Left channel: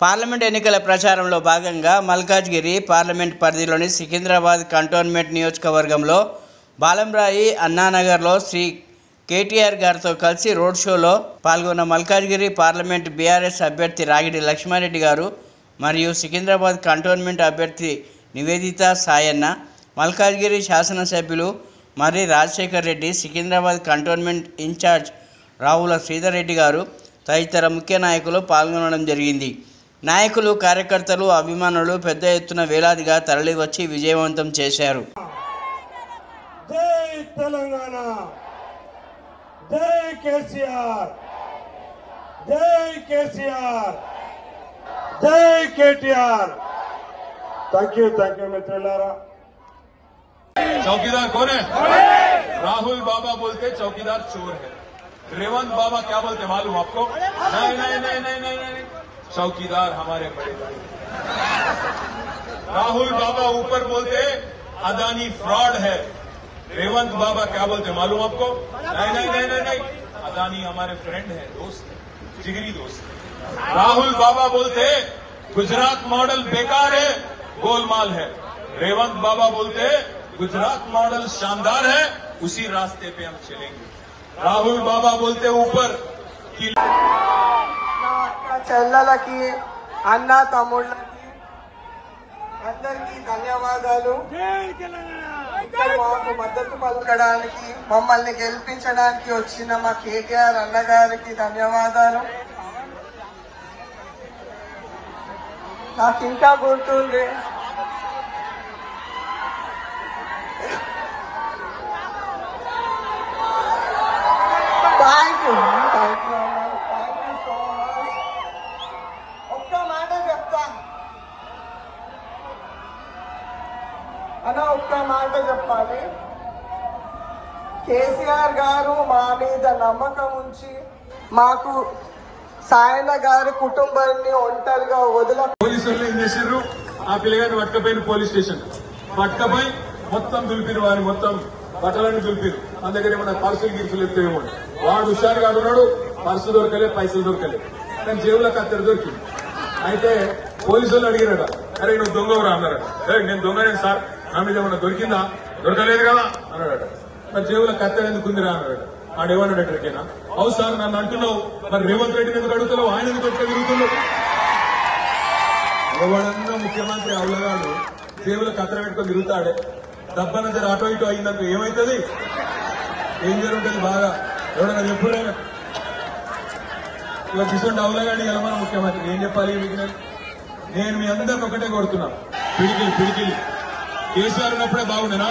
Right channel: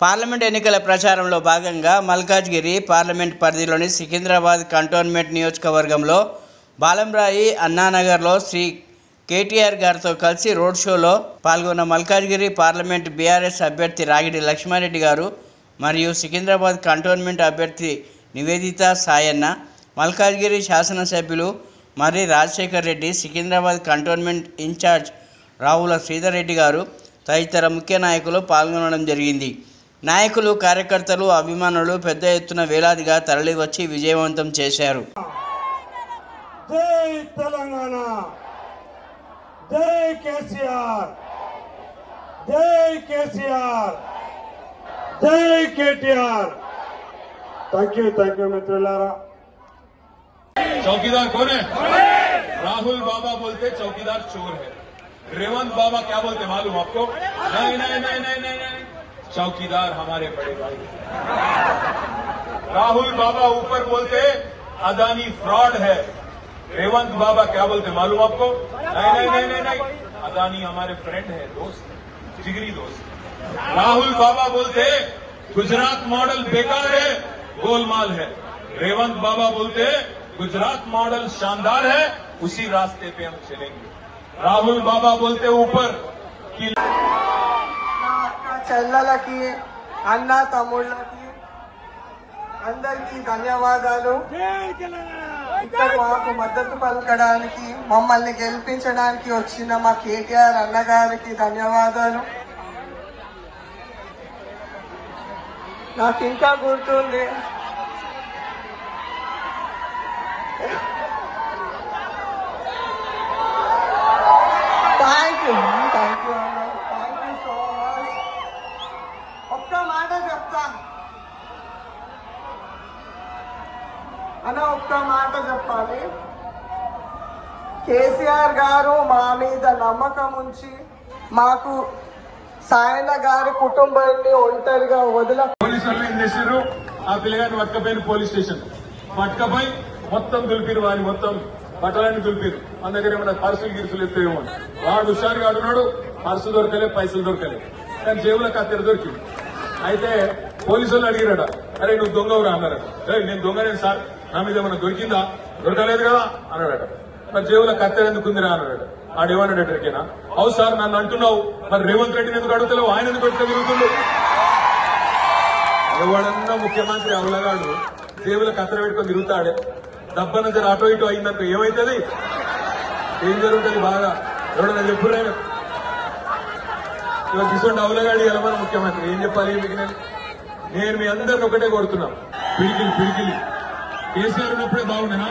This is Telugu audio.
పార్లమెంట్ ఎన్నికల ప్రచారంలో భాగంగా మల్కాజ్గిరి పార్లమెంట్ పరిధిలోని సికింద్రాబాద్ కంటోన్మెంట్ నియోజకవర్గంలో బాలంరాయి అన్నానగర్లో శ్రీ కేటీఆర్ గారితో కలిసి రోడ్ షోలో పాల్గొన్న మల్కాజ్గిరి పార్లమెంట్ బీఆర్ఎస్ అభ్యర్థి రాగిడి లక్ష్మారెడ్డి గారు మరియు సికింద్రాబాద్ కంటోన్మెంట్ అభ్యర్థి నివేదిత సాయన్న, మల్కాజ్గిరి శాసనసభ్యులు మర్రి రాజశేఖర్ రెడ్డి, సికింద్రాబాద్ కంటోన్మెంట్ ఇన్ఛార్జ్ రావుల శ్రీధర్ రెడ్డి గారు తదితర ముఖ్య నాయకులు పాల్గొనడం జరిగింది. నాయకులు, కార్యకర్తలు, అభిమానులు పెద్ద ఎత్తున వేలాదిగా తరలివచ్చి విజయవంతం చేశారు. జై తెలంగాణ, జై కేసీఆర్, జై కేసీఆర్, జై కేటీఆర్. థ్యాంక్ యూ మిత్రులారా. चौकीदार कौन है? राहुल बाबा बोलते चौकीदार चोर है. रेवंत बाबा क्या बोलते मालूम आपको? नहीं नहीं नहीं नहीं नहीं नहीं, चौकीदार हमारे बड़े भाई. राहुल बाबा ऊपर बोलते अदानी फ्रॉड है. रेवंत बाबा क्या बोलते मालूम आपको? नहीं नहीं नहीं नहीं नहीं, अदानी हमारे फ्रेंड है, दोस्त, जिगरी दोस्त. राहुल बाबा बोलते गुजरात मॉडल बेकार है, गोलमाल है. रेवंत बाबा बोलते गुजरात मॉडल शानदार है, उसी रास्ते पे हम चलेंगे. राहुल बाबा बोलते ऊपर कि చెల్లలకి, అన్న తమ్ముళ్ళకి అందరికీ ధన్యవాదాలు. మాకు మద్దతు పలకడానికి, మమ్మల్ని గెలిపించడానికి వచ్చిన మా కేటీఆర్ అన్నగారికి ధన్యవాదాలు. నాకు ఇంకా గుర్తుంది, థ్యాంక్ యూ అన్న, థ్యాంక్ యూ సో మచ్. ఒక్క మాట చెప్తాను అన్న, ఒక్క మాట చెప్పాలి. కేసీఆర్ గారు మా మీద నమ్మకం ఉంచి మాకు సాయన గారి కుటుంబాన్ని ఒంటరిగా పోలీసు వాళ్ళు ఏం చేశారు? ఆ పిల్లగారిని పట్టుకపోయిన పోలీస్ స్టేషన్ పట్టుకపోయి మొత్తం దులిపిరు, వారిని మొత్తం బట్టలన్నీ దులిపిరు. మన దగ్గర ఏమన్నా పర్సులు గిరుసులు ఎత్తేమో. వాడు హుషారుగా ఉన్నాడు, పర్సు దొరకలే, పైసలు దొరకలే, కానీ జేబులో కత్తెర దొరికింది. అయితే పోలీసులు అడిగిరట, అరే నువ్వు దొంగవురా అన్నారట. నేను దొంగనేను సార్, నా మీద ఏమన్నా దొరికిందా? దొరకలేదు కదా అన్నాడట. మరి జేబులో కత్తెర ఎందుకు ఉందిరా అన్నాడట. ఆడేమన్నాడట, రెడ్డినా అవు సార్ నన్ను అంటున్నావు, మరి రేవంత్ రెడ్డిని ఎందుకు అడుగుతున్నావు, ఆయన ఎందుకు ఎట్లా తిరుగుతుండు? ఎవడన్నా ముఖ్యమంత్రి అవలగాడు జేబులో కత్తెర పెట్టుకొని తిరుగుతాడే, డబ్బన జర అటో ఇటో అయిందంటే ఏమవుతుంది? ఏం జరుగుతుంది బాగా? ఎవడన్నా ఎప్పుడు కిషోర్ అవలగాడి ఎలా మన ముఖ్యమంత్రి ఏం చెప్పాలి మీకు? నేను మీ అందరిని ఒకటే కొడుతున్నా, పిడికిలి కేసీఆర్ ఉన్నప్పుడే బాగుండేనా?